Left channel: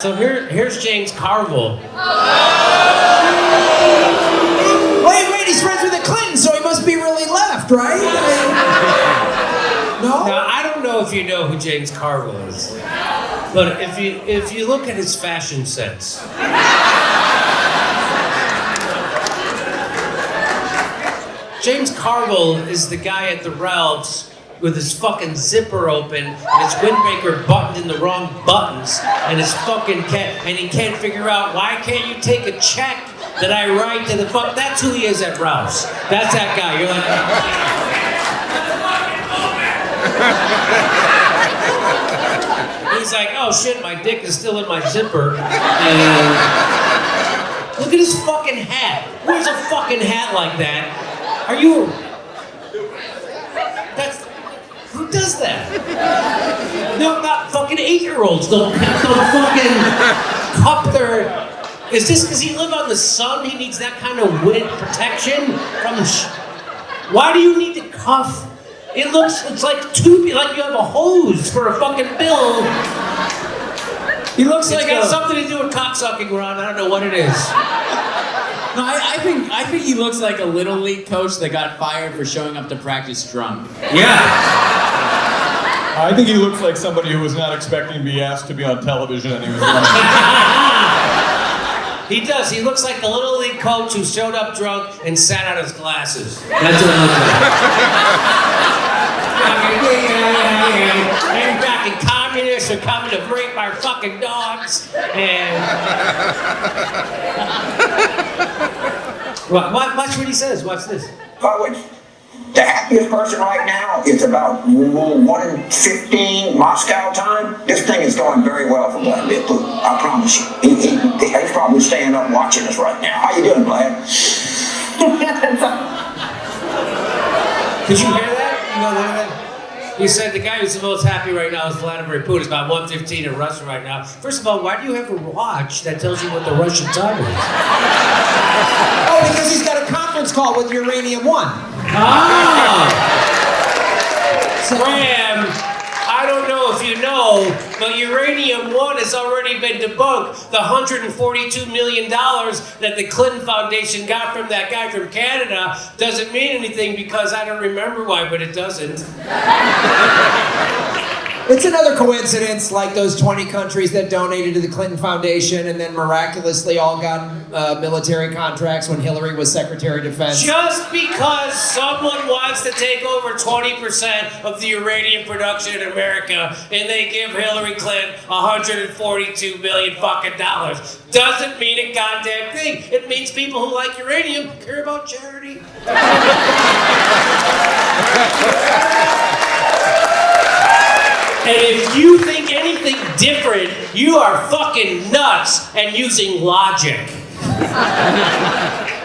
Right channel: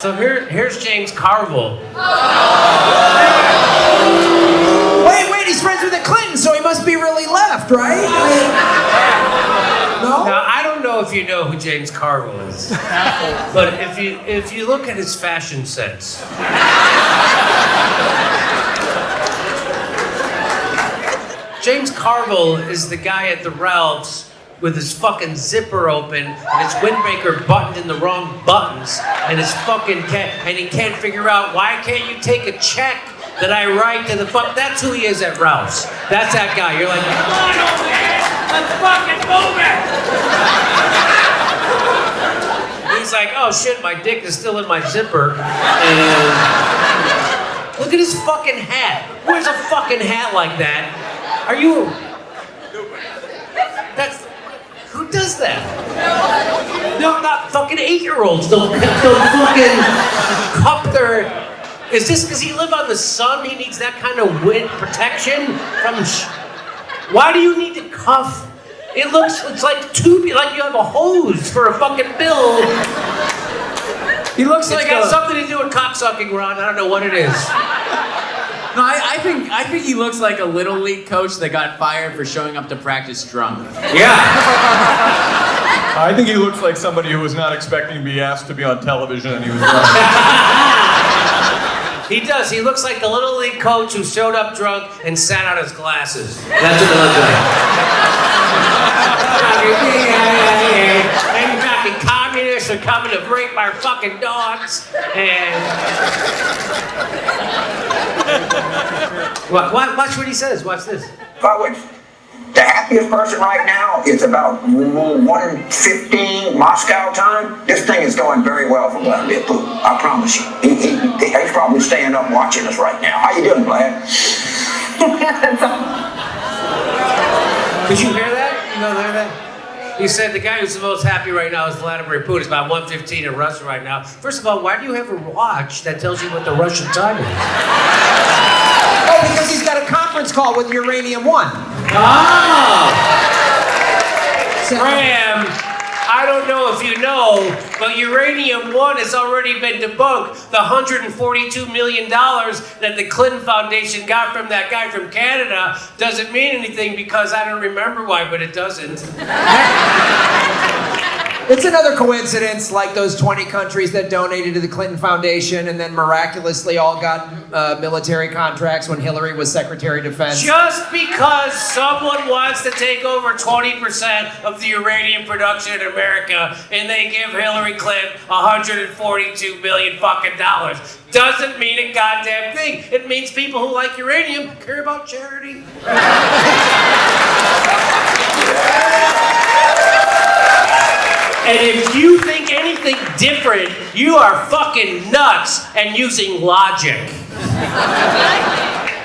So here's James Carville. Wait, he's friends with the Clintons, so he must be really left, right? No? Now, I don't know if you know who James Carville is, but if you look at his fashion sense, James Carville is the guy at the Ralphs with his fucking zipper open and his windbreaker buttoned in the wrong buttons and his fucking and he can't figure out why can't you take a check that I write to the fuck. That's who he is at Ralph's. That's that guy. You're like, let's fucking move it. He's like, oh shit, my dick is still in my zipper. And look at his fucking hat. Where's a fucking hat like that? Are you? That's. Who does that? No, not fucking 8-year-olds. Don't fucking cup their. Is this because he live on the sun? He needs that kind of wind protection from. Why do you need to cuff? It's like you have a hose for a fucking bill. He looks like it's got something to do with cocksucking, Ron. I don't know what it is. No, I think he looks like a little league coach that got fired for showing up to practice drunk. Yeah. I think he looks like somebody who was not expecting to be asked to be on television and he was drunk. He does. He looks like the little league coach who showed up drunk and sat on his glasses. That's what it looks like. And fucking communists are coming to rape our fucking dogs. And watch what he says. Watch this. The happiest person right now is about 1:15 Moscow time. This thing is going very well for Vladimir Putin. I promise you. He's probably staying up watching us right now. How you doing, Vlad? Did you hear that? You know that? He said the guy who's the most happy right now is Vladimir Putin. It's about 1:15 in Russia right now. First of all, why do you have a watch that tells you what the Russian time is? Oh, because he's got a conference call with Uranium One. Ah! Graham, I don't know if you know, but Uranium One has already been debunked. The $142 million that the Clinton Foundation got from that guy from Canada doesn't mean anything because I don't remember why, but it doesn't. It's another coincidence, like those 20 countries that donated to the Clinton Foundation and then miraculously all got military contracts when Hillary was Secretary of Defense. Just because someone wants to take over 20% of the uranium production in America and they give Hillary Clinton $142 million fucking dollars doesn't mean a goddamn thing. It means people who like uranium care about charity. And if you think anything different, you are fucking nuts and using logic.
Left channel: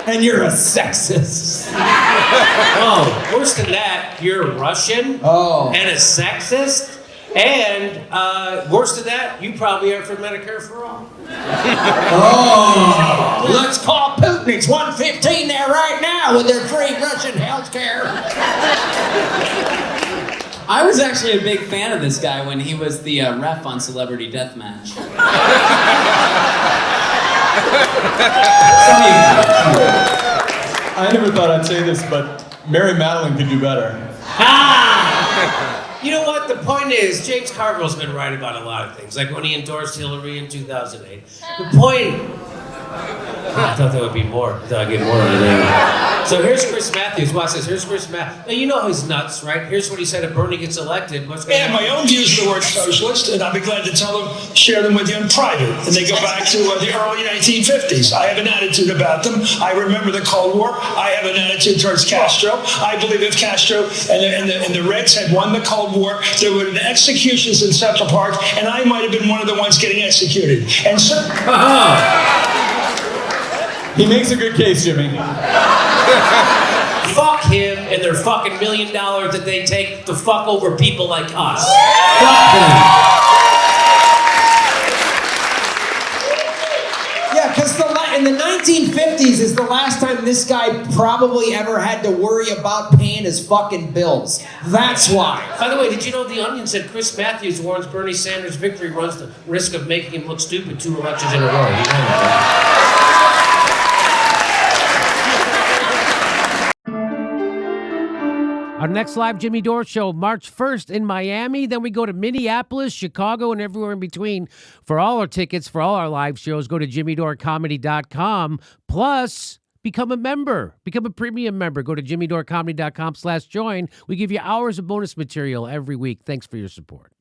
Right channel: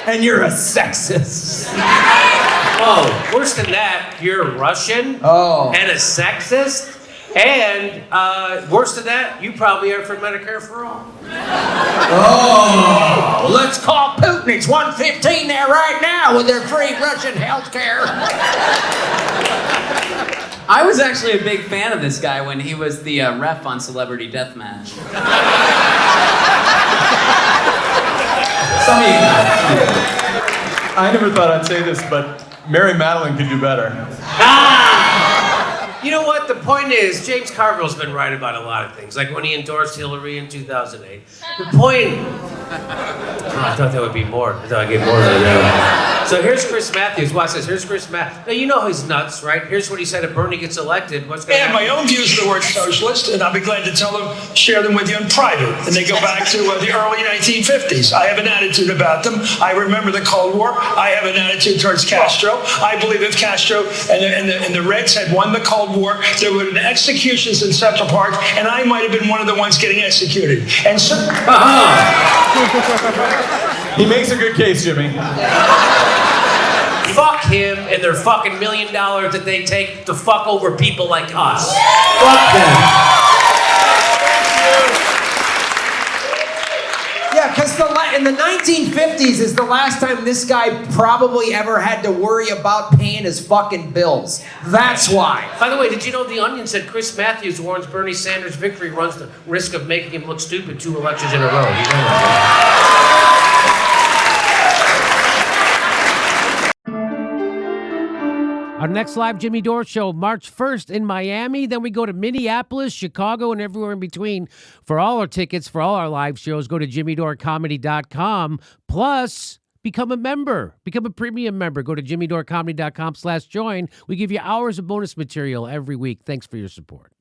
And you're a sexist. Oh, worse than that, you're Russian and a sexist. And worse than that, you probably are for Medicare for all. Oh, let's call Putin. It's 1:15 there right now with their free Russian health care. I was actually a big fan of this guy when he was the ref on Celebrity Deathmatch. Some of you guys. I never thought I'd say this, but Mary Madeline could do better. You know what? The point is, James Carville's been right about a lot of things. Like when he endorsed Hillary in 2008. The point... I thought that would be more. I thought I'd get more than that. So here's Chris Matthews. Watch this. Here's Chris Matthews. Now, you know he's nuts, right? Here's what he said if Bernie gets elected. What's going to happen? I have my own views of the word socialist, and I'll be glad to share them with you in private. And they go back to the early 1950s. I have an attitude about them. I remember the Cold War. I have an attitude towards Castro. I believe if Castro and the Reds had won the Cold War, there would have been executions in Central Park, and I might have been one of the ones getting executed. And so... He makes a good case, Jimmy. Fuck him and their fucking $1 million that they take to fuck over people like us. Fuck them. Yeah, Because in the 1950s is the last time this guy probably ever had to worry about paying his fucking bills. That's why. By the way, did you know The Onion said Chris Matthews warns Bernie Sanders' victory runs the risk of making him look stupid 2 elections in a row? You know that, Our next live Jimmy Dore show, March 1st in Miami. Then we go to Minneapolis, Chicago, and everywhere in between. For all our tickets, for all our live shows, go to jimmydorecomedy.com. Plus, become a member. Become a premium member. Go to jimmydorecomedy.com/join. We give you hours of bonus material every week. Thanks for your support.